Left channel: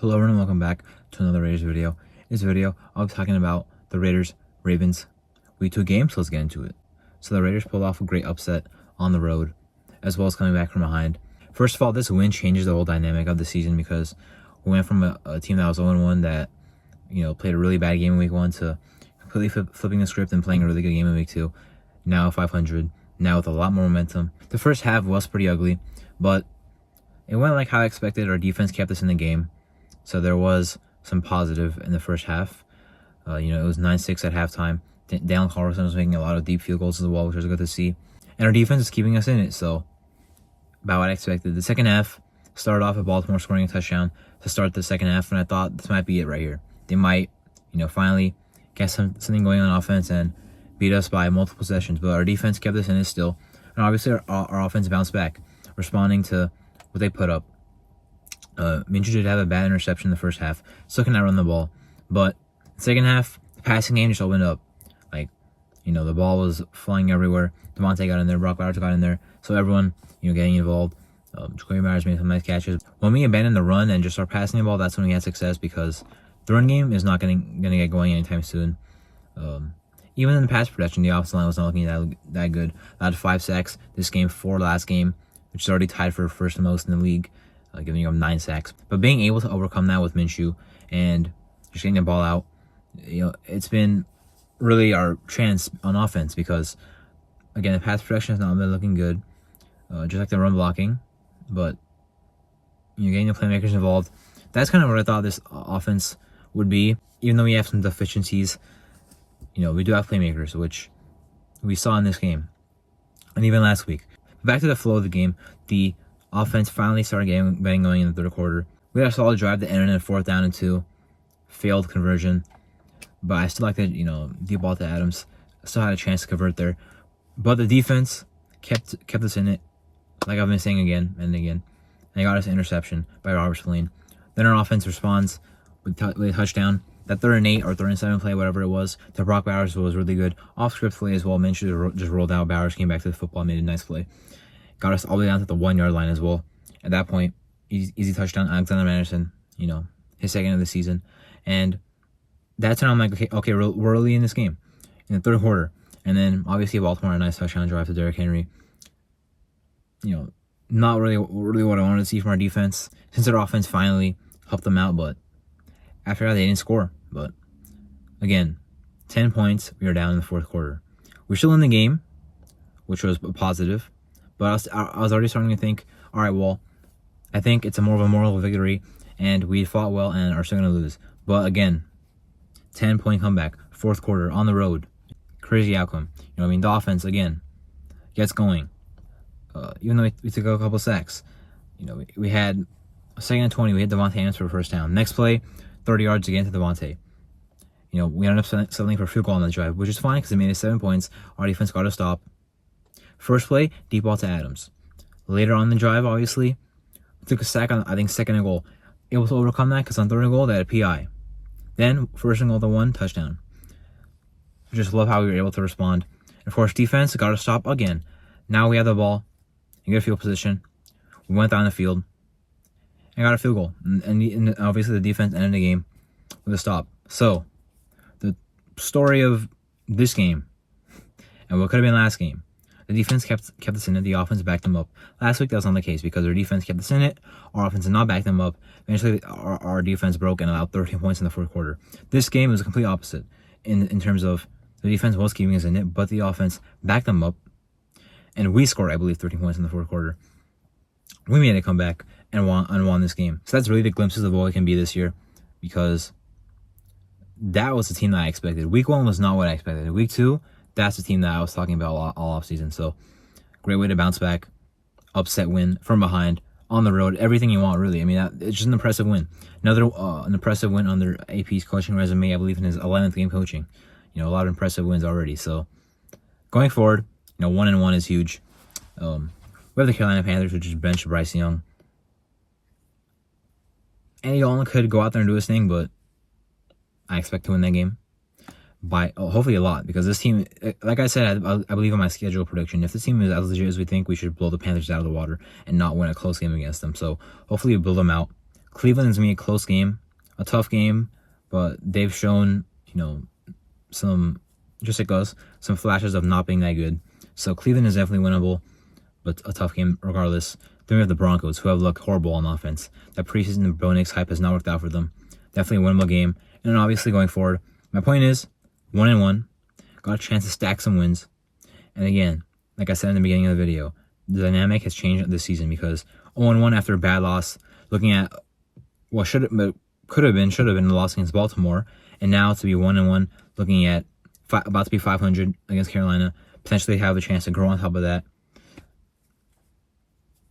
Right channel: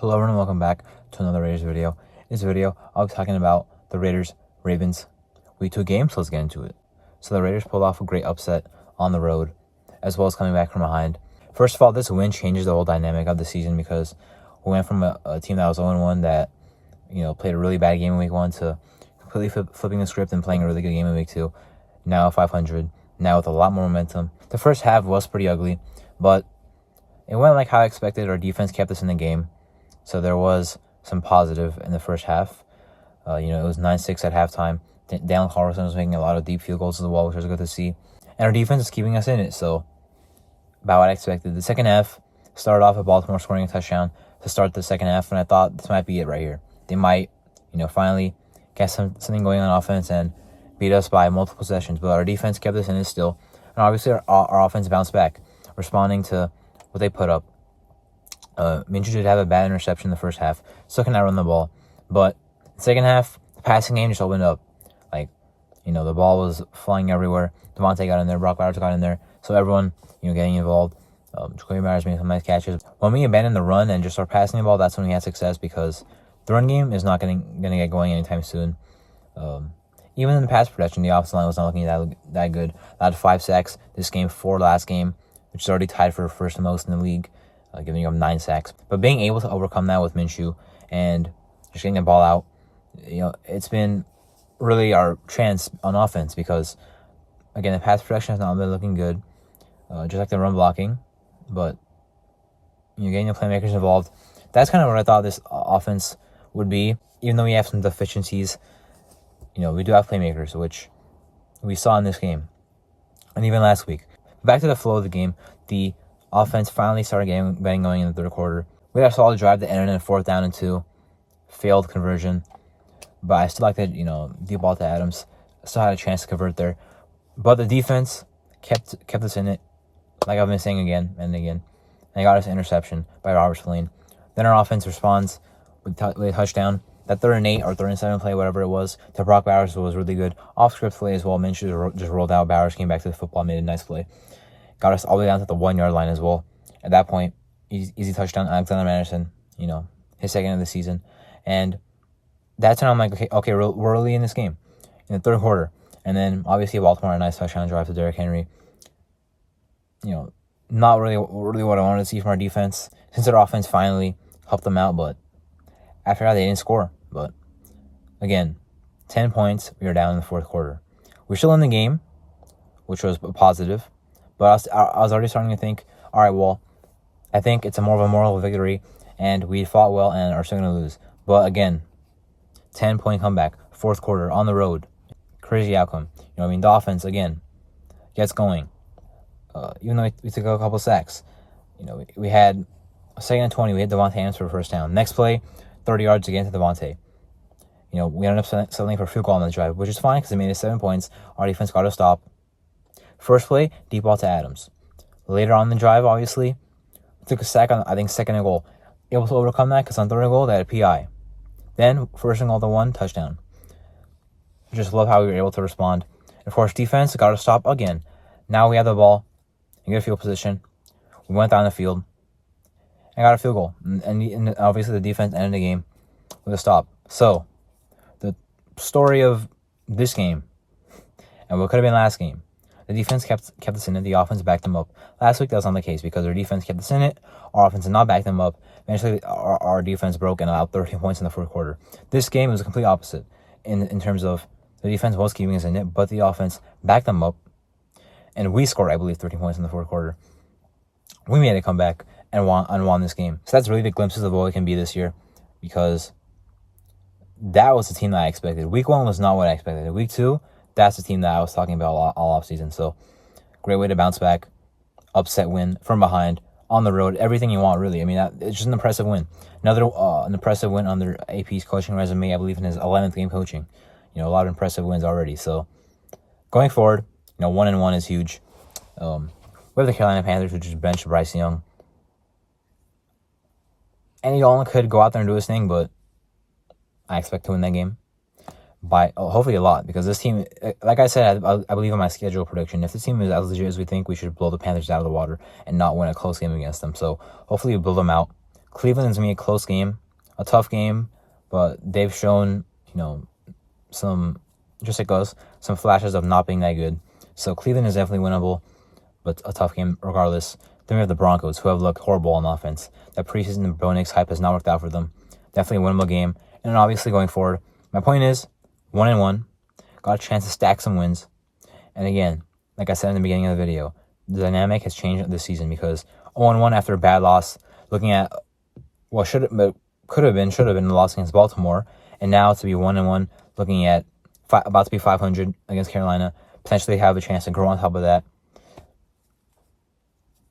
Hello everyone, welcome back to another Raiders video. In this video, I'll be talking about the Raiders-Ravens Week 2 game, so let's get into it. So the Raiders pulled off a great upset on the road, as well as coming back from behind. First of all, this win changes the whole dynamic of the season because we went from a team that was 0-1 that, played a really bad game in Week 1 to completely flipping the script and playing a really good game in Week 2. Now 500, now with a lot more momentum. The first half was pretty ugly, but it went like how I expected. Our defense kept us in the game. So there was some positive in the first half. It was 9-6 at halftime. Dallin Carlson was making a lot of deep field goals as well, which was good to see. And our defense is keeping us in it, so about what I expected. The second half started off with Baltimore scoring a touchdown to start the second half, and I thought this might be it right here. They might, finally get something going on offense and beat us by multiple possessions. But our defense kept us in it still. And obviously our offense bounced back, responding to what they put up. Minshew did have a bad interception in the first half. Still cannot run the ball. But the second half, the passing game just opened up. The ball was flying everywhere. Devontae got in there. Brock Bowers got in there. So everyone, getting involved. Jacoby Myers made some nice catches. When we abandon the run and just start passing the ball, that's when we had success because the run game is not going to get going anytime soon. Even in the pass protection, the offensive line was not looking that good. Allowed 5 sacks this game, 4 last game, which is already tied for first most in the league. Giving up 9 sacks. But being able to overcome that with Minshew and just getting the ball out, it's been really our chance on offense because, again, the pass protection has not been looking good, just like the run blocking. But getting the playmakers involved, that's kind of what I thought this offense would be. Even though we have some deficiencies, we do have playmakers, which we saw in this game and even last week. Back to the flow of the game, the offense finally started getting going in the third quarter. We had a solid drive that ended in a 4th down and 2. Failed conversion. But I still like that, deep ball to Adams. Still had a chance to convert there. But the defense kept us in it, like I've been saying again and again. And got us an interception by Robert Spillane. Then our offense responds with a touchdown. That 3rd and 8 or 3rd and 7 play, whatever it was, to Brock Bowers was really good. Off-script play as well. Minshew just rolled out. Bowers came back to the football, made a nice play. Got us all the way down to the 1-yard line as well. At that point, easy touchdown. Alexander Madison, his second of the season. And that's when I'm like, okay, we're early in this game, in the third quarter. And then, obviously, Baltimore, a nice touchdown drive to Derrick Henry. Not really what I wanted to see from our defense, since their offense finally helped them out. But after that, they didn't score. But, again, 10 points, we were down in the fourth quarter. We're still in the game, which was a positive. But I was already starting to think, all right, well, I think it's more of a moral victory, and we fought well and are still going to lose. But again, 10-point comeback, fourth quarter, on the road. Crazy outcome. The offense, again, gets going. Even though we took a couple sacks. We had a 2nd and 20. We hit Devontae Adams for a first down. Next play, 30 yards again to Devontae. We ended up settling for a field goal on the drive, which is fine because it made it 7 points. Our defense got a stop. First play, deep ball to Adams. Later on in the drive, obviously, we took a sack on, 2nd and goal. Able to overcome that because on 3rd and goal, they had a PI. Then, 1st and goal to 1, touchdown. I just love how we were able to respond. And of course, defense got to stop again. Now we have the ball in good field position. We went down the field and got a field goal. And obviously, the defense ended the game with a stop. So, the story of this game and what could have been last game, the defense kept us in it. The offense backed them up. Last week, that was not the case because our defense kept us in it. Our offense did not back them up. Eventually, our defense broke and allowed 13 points in the fourth quarter. This game was a complete opposite in terms of the defense was keeping us in it, but the offense backed them up. And we scored, I believe, 13 points in the fourth quarter. We made a comeback and won this game. So that's really the glimpses of what we can be this year because that was the team that I expected. Week 1 was not what I expected. Week 2, that's the team that I was talking about all offseason. So, great way to bounce back. Upset win from behind, on the road. Everything you want, really. It's just an impressive win. Another an impressive win under AP's coaching resume, I believe, in his 11th game coaching. A lot of impressive wins already. So, going forward, 1-1 is huge. We have the Carolina Panthers, which is bench Bryce Young. Andy Dalton could go out there and do his thing, but I expect to win that game. By hopefully a lot, because this team, like I said, I believe in my schedule prediction. If this team is as legit as we think, we should blow the Panthers out of the water and not win a close game against them. So hopefully we blow them out. Cleveland is going to be a close game, a tough game, but they've shown, some, just like us, some flashes of not being that good. So Cleveland is definitely winnable, but a tough game regardless. Then we have the Broncos, who have looked horrible on offense. That preseason Bo Nix hype has not worked out for them. Definitely a winnable game. And then obviously going forward, my point is 1-1. Got a chance to stack some wins. And again, like I said in the beginning of the video, the dynamic has changed this season because 0-1 after a bad loss, looking at what should have been the loss against Baltimore, and now to be 1-1, looking at about to be 500 against Carolina, potentially have a chance to grow on top of that.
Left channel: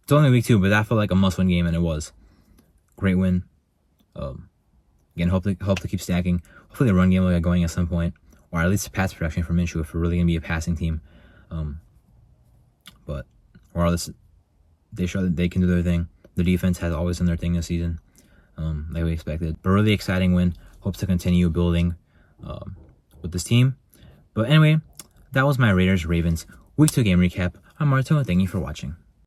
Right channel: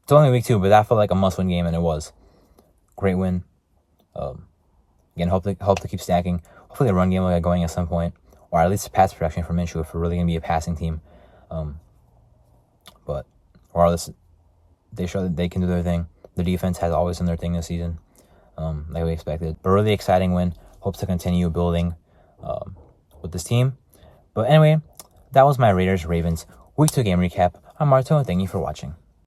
It's only week 2, but that felt like a must-win game, and it was. Great win. Again, hope to keep stacking. Hopefully the run game will get going at some point, or at least the pass production from Minshew if we're really going to be a passing team. But regardless, they show that they can do their thing. The defense has always done their thing this season, like we expected. But really exciting win. Hope to continue building with this team. But anyway, that was my Raiders-Ravens Week 2 game recap. I'm Marto, and thank you for watching.